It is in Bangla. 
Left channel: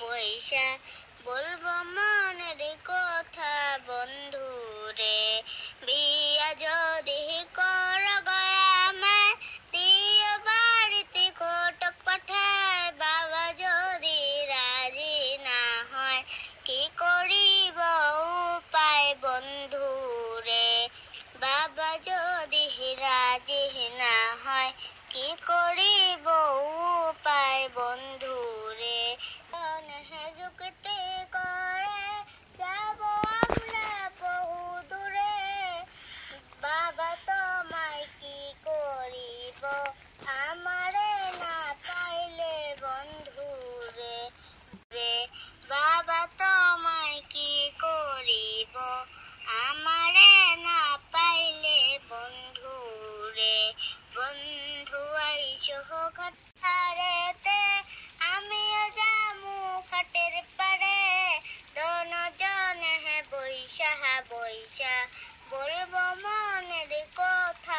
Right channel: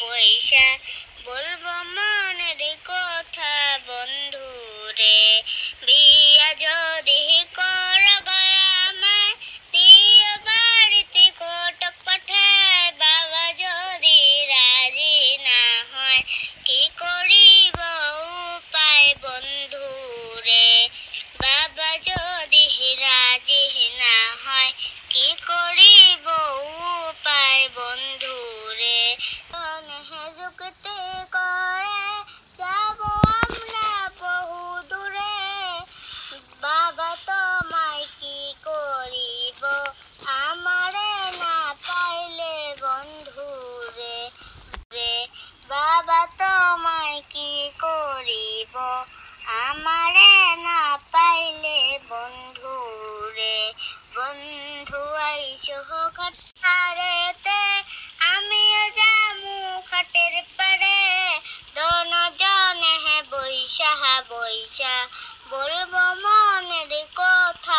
বৈশা বলবো মনের কথা বন্ধু রে। বিয়া যদি কর আমায় দিও বাড়িতে কোটক পাঠায়, বাবা যদি রাজি না হয় কি করিব উপায় বন্ধু রে। বাবা যদি রাজি না হয় কি করিব উপায় বন্ধু রে। যুক্তি করে যাব আমরা বহু দূরে, বাবা তোমায় কি করিব আমারে না পাইলে বন্ধু রে। বাবা তোমায় কি করিব আমারে না পাইলে বন্ধু রে। বন্ধু আইসো খাটেতে আমিও যামু খাটের পারে, দোনো জনে বৈশা বৈশা বলবো মনের কথা